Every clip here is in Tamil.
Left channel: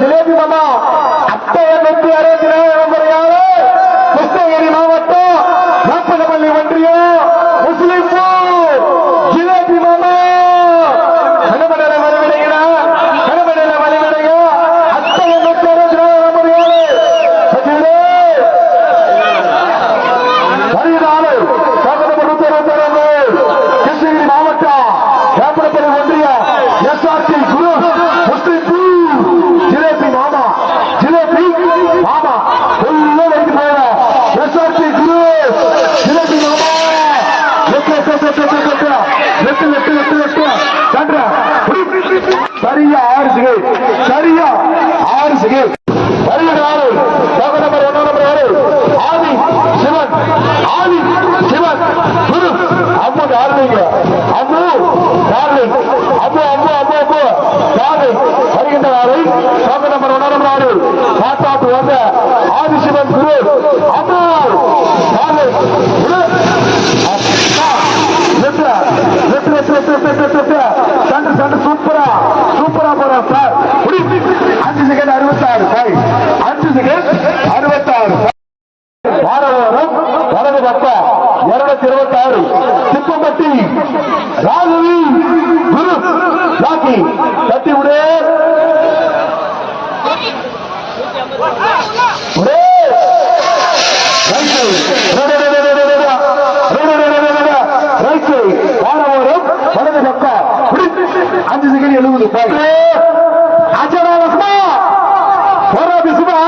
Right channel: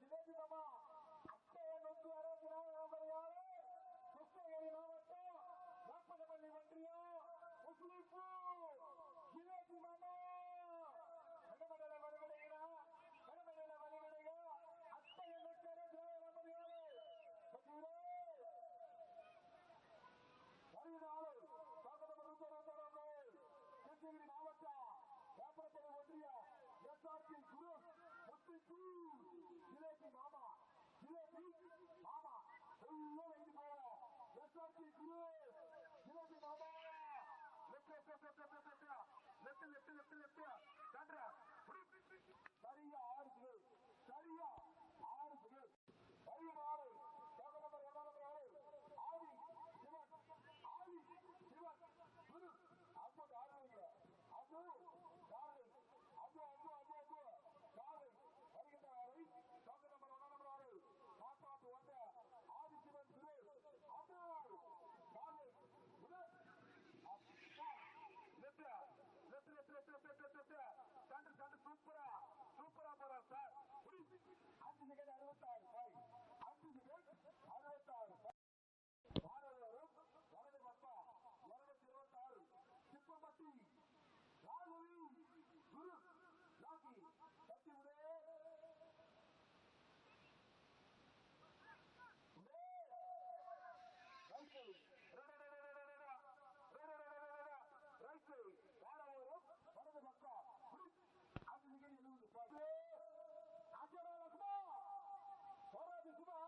ஜிலேபி மாமா அத்தைய 164 கிருஷ்ணகிரி மாவட்டம் வேப்பனப்பள்ளி ஒன்றியம் முஸ்லிம் ஜிலேபி மாமா கணவனில வழிவிடுகிற அத்தைய 164 கிருஷ்ணகிரி மாவட்டம் வேப்பனப்பள்ளி ஒன்றியம் SRT குரு முஸ்லிம் ஜிலேபி மாமா உள்ள வைத்து போற SRT குரு ஜிலேபி மாமா சரியா 6 செகண்ட் வருகிறார் நம்பர் 1 ஆதி சிவன் குரு அம்மு டார்லிங் அம்மு வருகின்ற நாளை நம்பர் 1 காட்டாட்டு வந்த ஆதிசிவன் குரு அம்மு சூப்பரா போற சார் 5 செகண்ட் 66 வாரவரம் வலது பக்கம் 226 திப்பம்பட்டி ராகவி குரு ராக்கி தட்டி விடு வாரவரம் வலது பக்கம் 5 செகண்ட் 70 அச்சராலசமா போராடி சுபா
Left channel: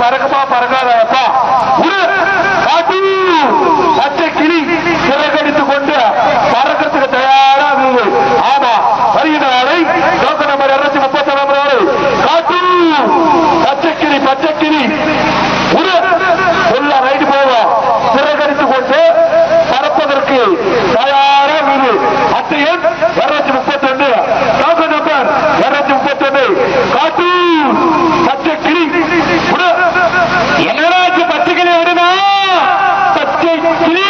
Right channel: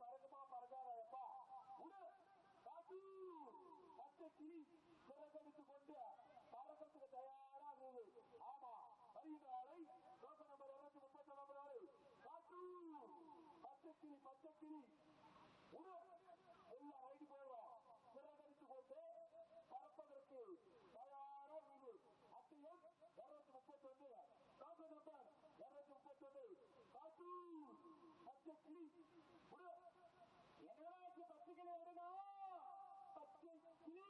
பறக்கமா பறக்காதப்பா பச்சை கிளி சிறகடித்துக் கொண்டு பறக்கிறதுக்கு தயாரா இருந்தது. ஆமா, வருகிற நாளை டோக்கன் நம்பர் 231 காட்டு பச்சை கிளி உள்ள ரைடு போவோம் சிறகடித்துக் கொண்டு பறப்பதற்கு தயாரா இருந்தது. அத்தையன் 231 டோக்கன் நம்பர் 231 காட்டு பச்சை கிளி என்னராஜ் பச்சை கிளி விடுமா பச்சை கிளி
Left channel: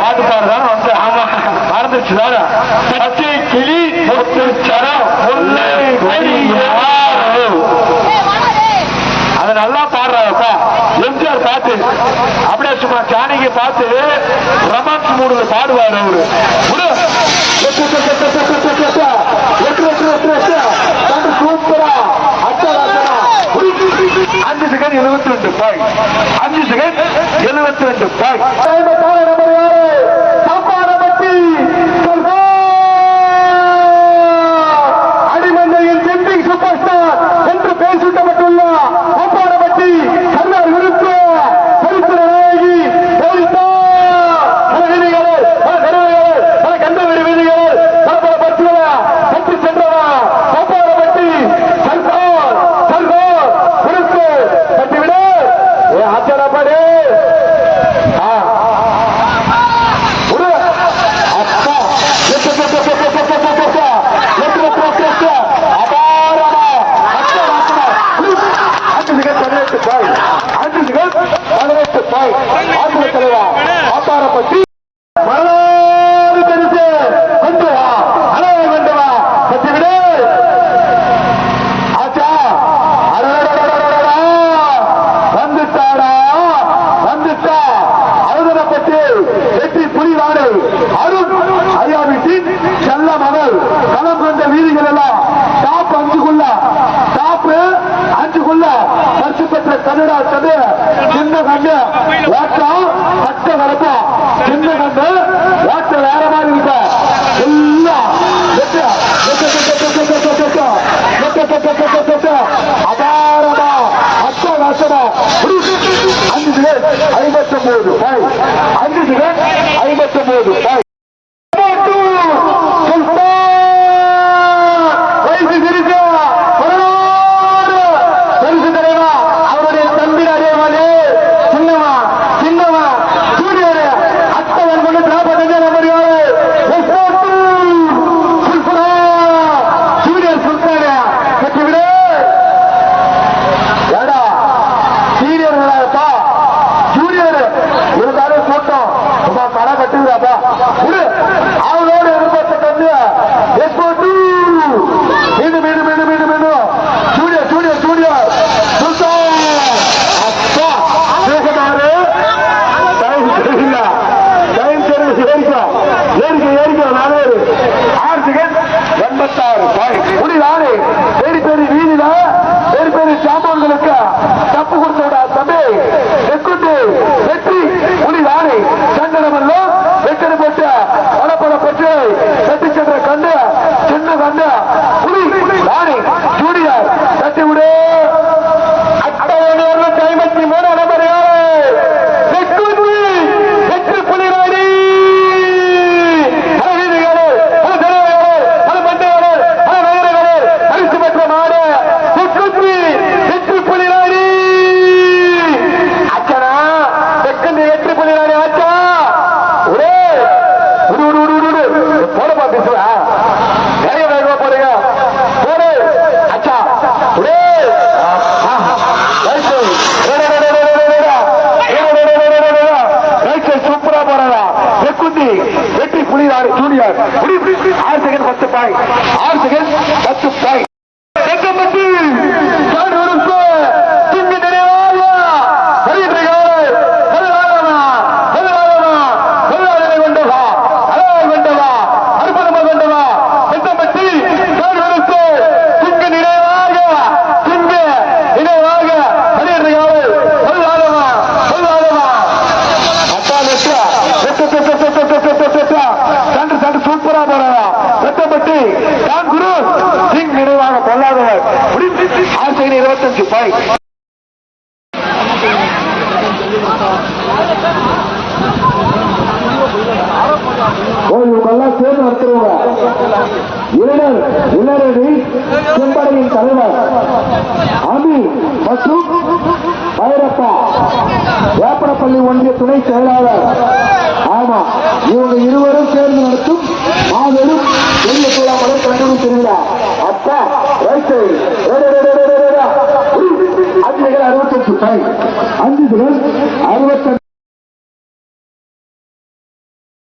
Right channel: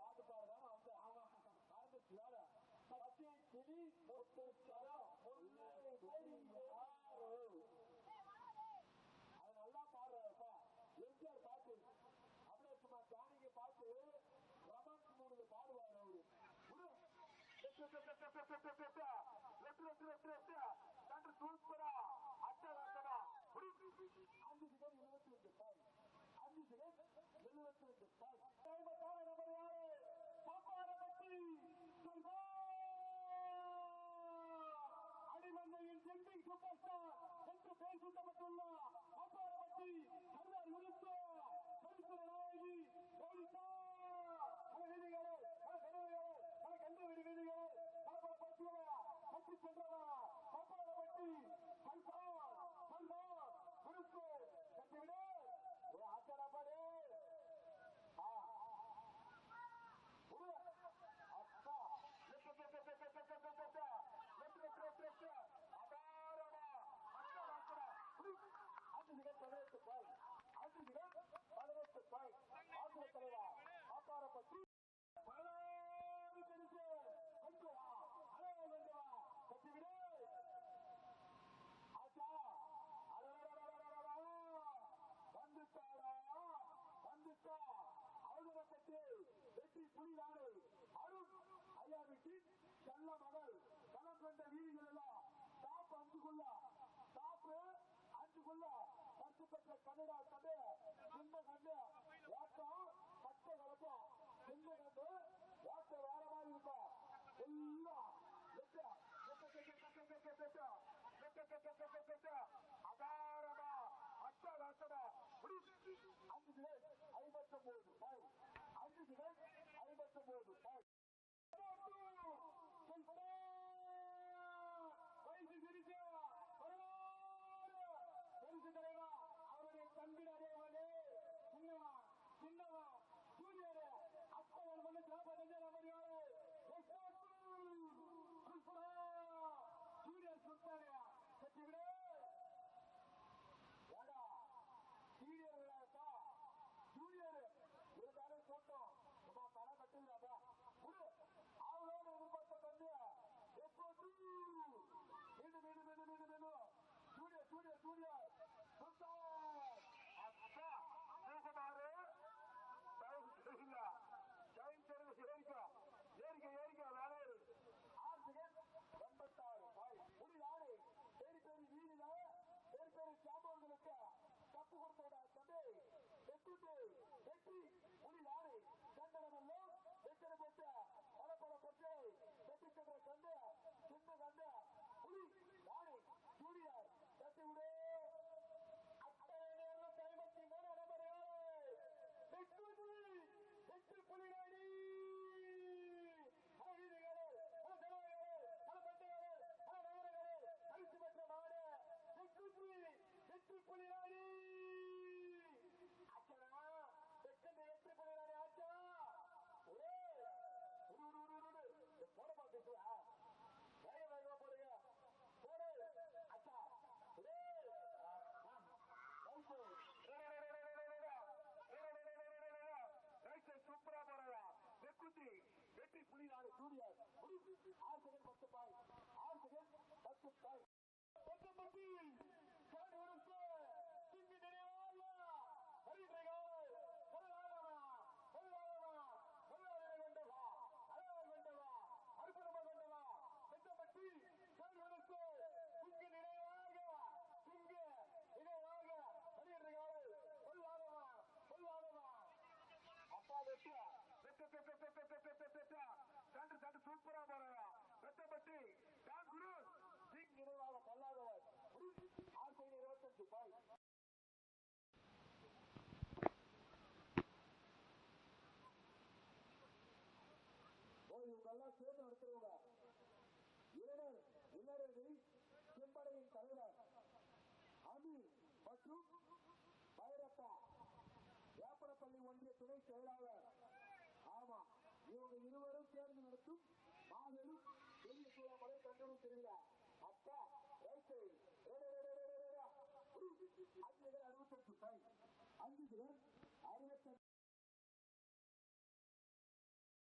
பாட்டு பாடுதான் வந்து ஆமா மறந்துச்சு தானே பச்சை கிளி முத்துச்சரம் முல்லை அதை நல்லா பாடுறாப்பா. எம்ஜிஆர் பாட்டு அப்படியே சும்மா ஜானகி பார்த்து ரொமான்ஸ் மூடுல பாடுவார் அவரு. சூப்பரா 5 செகண்ட் 72 பாய் 5 செகண்ட் 72 பாய் அடிமந்தையின் செம்பிங் சூப்பர் ஸ்டார் என்று பெயர் சூட்டப்பட்டுள்ள அப்பாடப்பட்டி சர்தார் விருத்து சரித்திர நாயகி கந்தவெறி வீதிகள் பரப்பரப்பட்டுள்ள பற்றி சென்றவா அப்பாடப்பட்டி சர்தார் விருத்து கட்டிவிடு ஆச்சரப்படு அப்பாரப்பட்டி வரலாறு தெரிந்து கொண்டு வா அழகை கொண்டு வா பற்றி விடு ஆச்சா வந்துட்டாடா வந்துட்டா அழுதனப்பட்டு வெற்றி புலிவாடு அருண் ஐயா வீட்டின் செல்ல மகள் களம் கொண்ட வீதிகள் எல்லாம் டாப் 5 பரிசு பெற்ற கன்னடா கது சின்ன கண்டு ஓட்டம் பட்ட வரப்பா சின்ன கண்டு ஓட்டம் வேற மாதிரி இருக்க எல்லாம் அபாரமா அட்டகாசமா 5 செகண்ட் 59 பாய் 5 செகண்ட் 59 பாய் அவளோடு எதிர்பார்த்த சாமான்களுக்கு தப்பு கொடுத்த தம்பி வெற்றி புலிதானே சண்டனமெல்லாம் வெற்றி பெற்ற பல பெற்று கட்டி சென்ற கண்டு சின்ன கண்டு புலி தானே ஜூனியர் கட்டி விடு அட்டவணையோட 53 நம்பர் 7 வெற்றி புலிதானே பரிசு பெற்ற மாடு வெற்றி புலிதானே அச்சனா வெற்றி புலிதானே ஆச்சா போடமா பேசுவா நிறைய வேகமா போறீங்க போடு அச்சா சூப்பரா போறா வெக்குந்தி வெற்றி புலிதானே ஜூனியர் 6 செகண்ட் 10 பாய் 6 செகண்ட் 10 பாய் சூப்பரா போறா வெட்டப்பட்டி குரு 5. இவங்கெல்லாம் சேர்ந்து நடத்துறவங்க இளரடி செம்படையின் தலைவர் அமி மற்றும் பைரப்பா வேப்பனப்பள்ளி ஒன்றிய துணை செயலாளர். ஆமா, இவங்க இருவரும் சேர்ந்து நடத்தும் மாபெரும் வெள்ள மலர் கல்லூரி திருவிழா. அப்பா ரைட் சைடு 5 65